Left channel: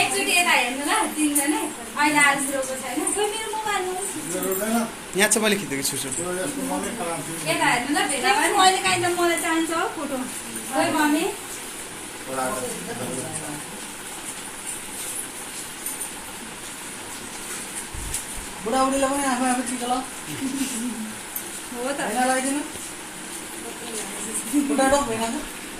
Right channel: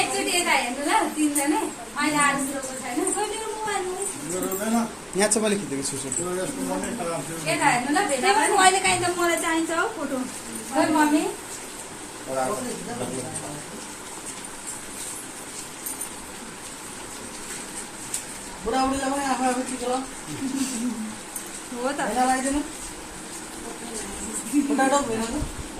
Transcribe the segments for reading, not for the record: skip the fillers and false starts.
एकचोटि यता हेर्नु ल तिनजना अहिले आज रोको छैन मेरो मोबाइल यहाँ चाहिँ मैले खिचेको छु यता हेर्नु ल भेटा मैले काहीँ त मलाई चाहिन्छ हो फोटो खोइ मम्मी बुढाबुढीलाई पनि आफू आफू टिका ल हो त लगाइदिनु उठाएर भेना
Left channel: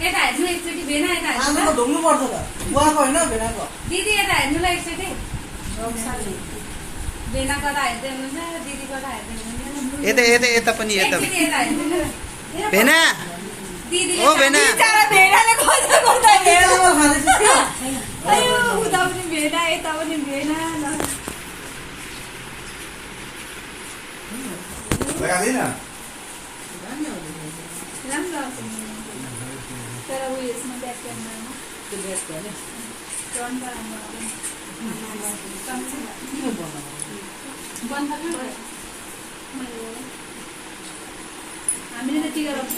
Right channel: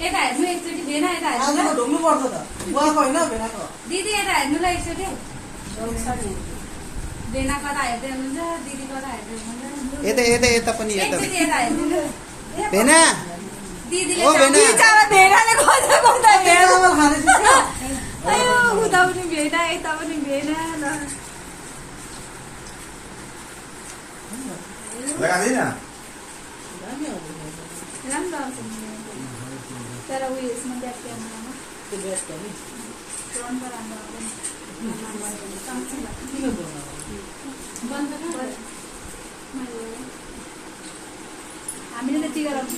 यता हेर्नु एकचोटि भेना यता हेर्नु त ढुक्नु पर्छ त उहाँको होइन भेनाको दिदी यता हेर्नु ल एकचोटि भेना कता हेर्दै हुनुहुन्छ दिदी कता हेर्दै हुनुहुन्छ यता यता यता पनि यता एकचोटि यता हेर्नु ल भेना दिदीले ओ भेना बिचारा भेनाले खोज्दा खोज्दा भेनामा खाँदैछ अयो उता पनि भेना यता पनि भेना ल लगादिन राम्रो आउँछ तर उयो यसमा ब्याक क्यामेरामा फ्रन्टमा राम्रो आउँदैन हामीले त टिका लगाउँछ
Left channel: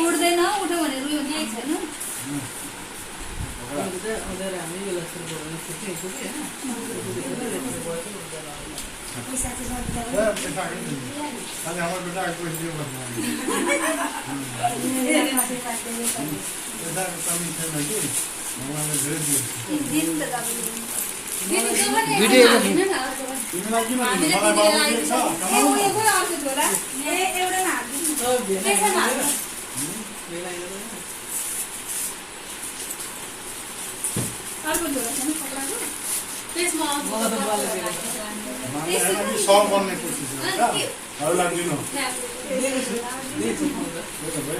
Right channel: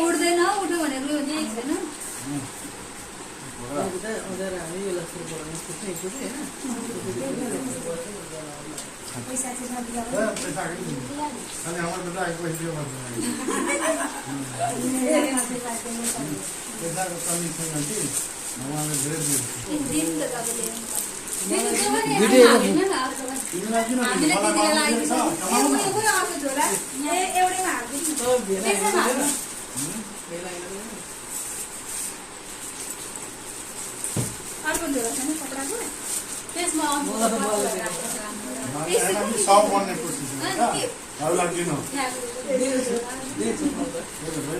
उठ्दैन उठ्यो भने रुयो नि छैन अर्को झोला छैन कपडाको त्यसमा सब बन्ने कोसिस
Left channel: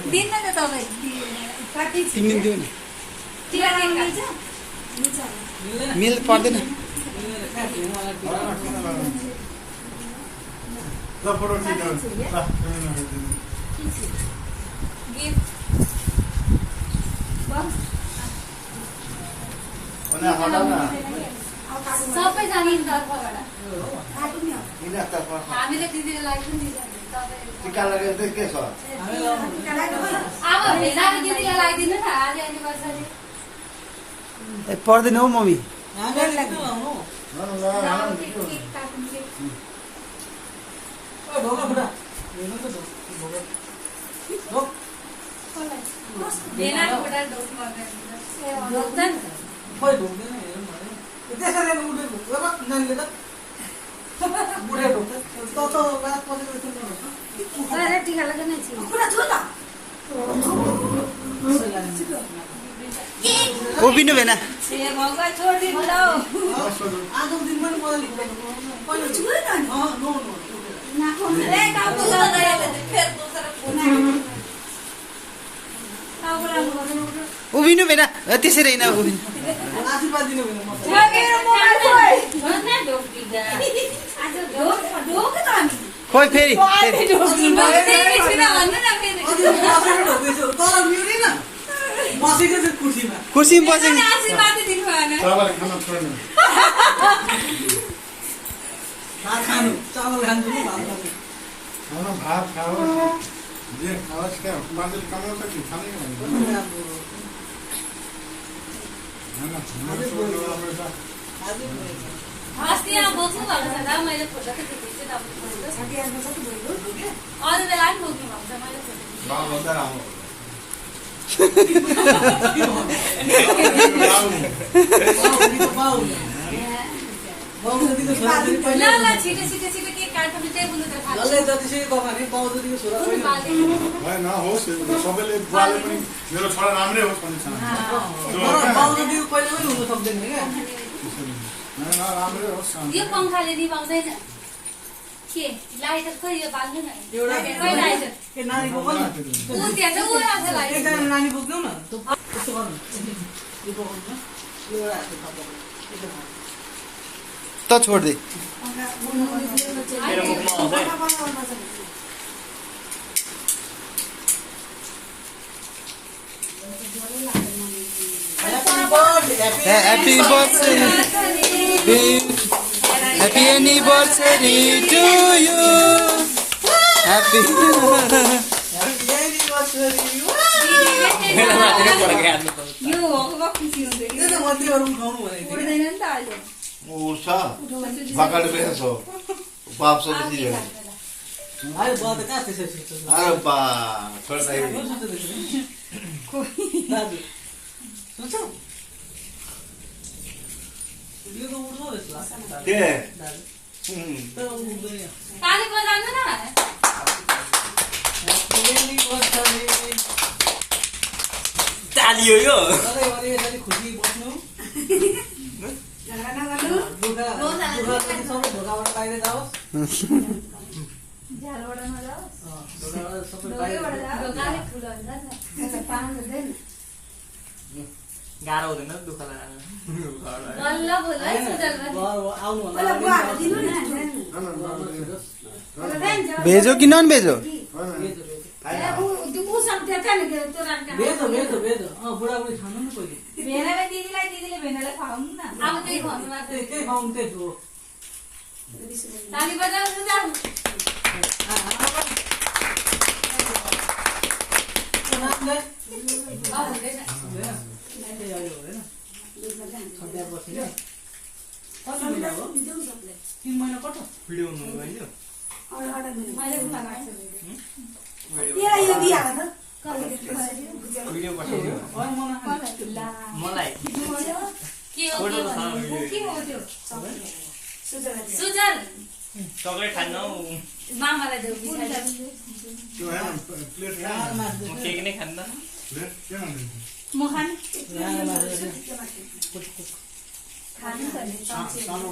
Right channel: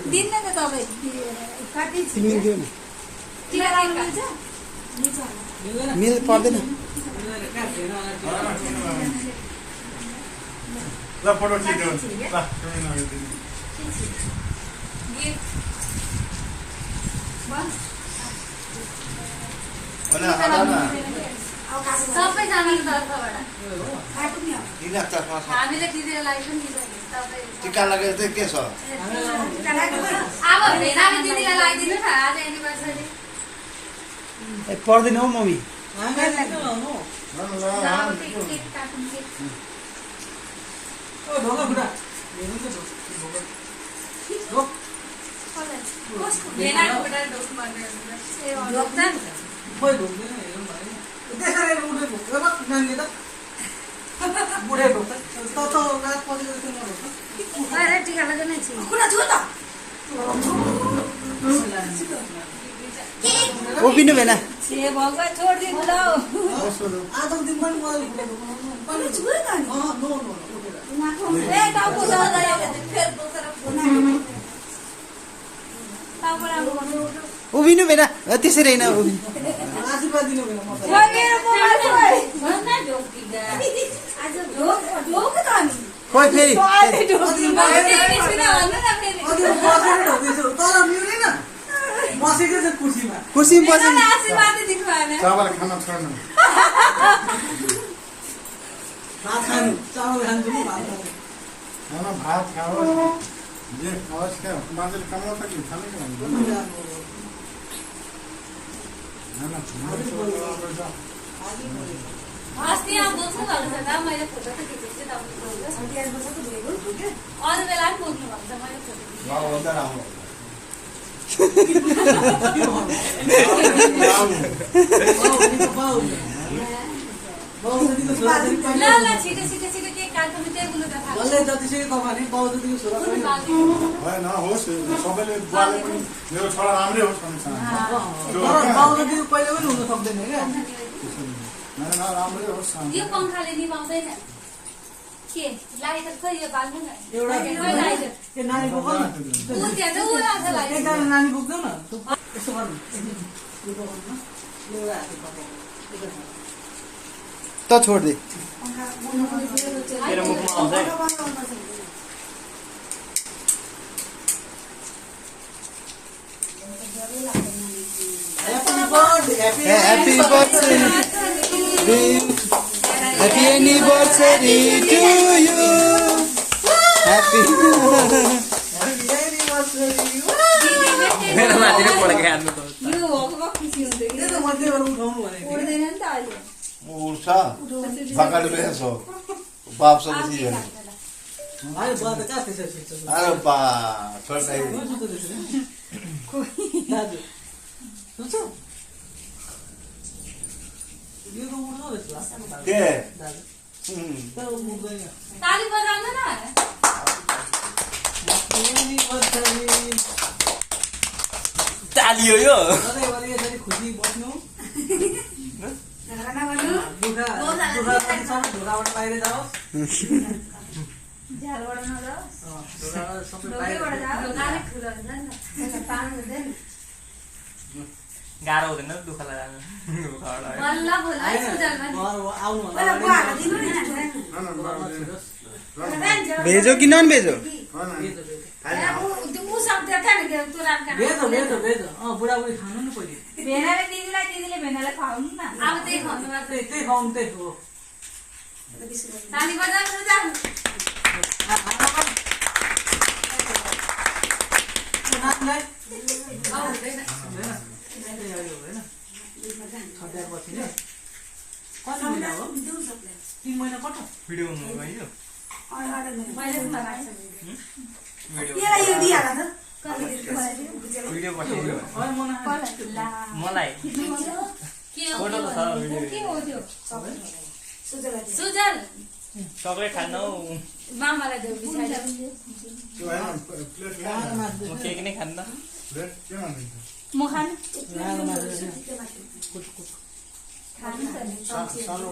दिन्न त तपाईँ तिमीले दियो नि टिका लगाउनु मिल्छ मिल पर्दैन ल फोटो खिच्नु सबैजनाको तर्फबाट हामीले दिदीलाई पनि टिका लगेर चाहिँ के छ अब भेनाले दिदीलाई लगाइदिनु न आज एनिभर्सरी पर्दैन हौ मम्मी ढोका बुढा खोइ ढोक्दैन त्यसरी उठे ढोक्छ नानीले त बुढे ढोक्छ त रात परेको जस्तो नढोक्छ टिका लगाउन उभिनु भेना भगवान छोडिदिनु ल आजको दिन पनि मलाई उभिनु भेना त्यसरी होइन उभिनु आशीर्वाद दिनु भएन खोइ फेरि तर मिल्दैन बसेको छ कुर्सीमा कुर्सीमा बसेको चावल खान छोड्नु भात खानु चामल खानु पनि भात खानु भात खाओ जे खाओस् क्या मान्छेले कमाउँछ कि खाने कि अस्ति यहाँ बोक्नु भएको छ त मैले फोटो त खिचेको छु अरू बेला पनि बोक्नु भएको छ मैले ल ल छिटो छिटो छिटो केक काट्नु टेबुल त थाल्नु होइन होस् सबैले बुवाले पनि मेरो छोरा राम्रै होस् भन्ने पहिला पनि हुन सक्दैन क्या राम्रै होस् यो पङ्खाले निभाउँदैन के लाइ त खै यो बाल्नु न नानी बोक्नु ऊ त्यहाँ चाहिँ ऊ आउँछ लाग्यो एकजना नानी बोक्नु न त्यस्तो गर्नु त छोड्दे Happy birthday. Happy anniversary to you. Happy. यो भएको खुसी हुन्छ कि उड्दैन नि त अहिले उठ्छ भकाड बेस हो बाप सबै चिज आयो बुवा त कहाँ त्यसो अरे बा छोड्दै दाजु सुन्छ यो त उठ्छ जस्तो लाग्छ के दाजु हम्म तर उठ्दैन ताली बजाउनु न तालियो यो सधैँभरि यसरी खुसी बस्नु ढोकाबाट बाहिर जाओस् झ्यालबाट नजाओस् ढोकाबाट सबै ढोकैबाट बाहिर जाओस् ढोकाले ठुलो हुन्छ नि त पानी हुँदैन गाह्रो हुँदैन दुःख लाग्यो बल्ल बोल है सुजल पनि आउनु पहिला बुवाहरु दिनु नि भेजो कि नन भेजो ऊ सक्थ्यो क्या नि त्यो रामका भेज बुढाबुढी खानु न पहिले भेनाले दिदीले भेनाले खुवाउनु न अब त्यही खुवाउनु मात्र त्यही खुवाउनु त्यही हो ताली बजाउनु जाऊ कति महिना हो 3 महिना कट भिडियो हुनु भयो मैले पनि लगाएको भिडियो पठाइदियो मलाई के हो त्यो सुजल चक्लेट खान्न मामालाई देऊ बिचारी त्यो हैन प्लेट म केक नै खान्न प्लेट के मान्दिन्छ म खानु ल खानु पर्ने सानो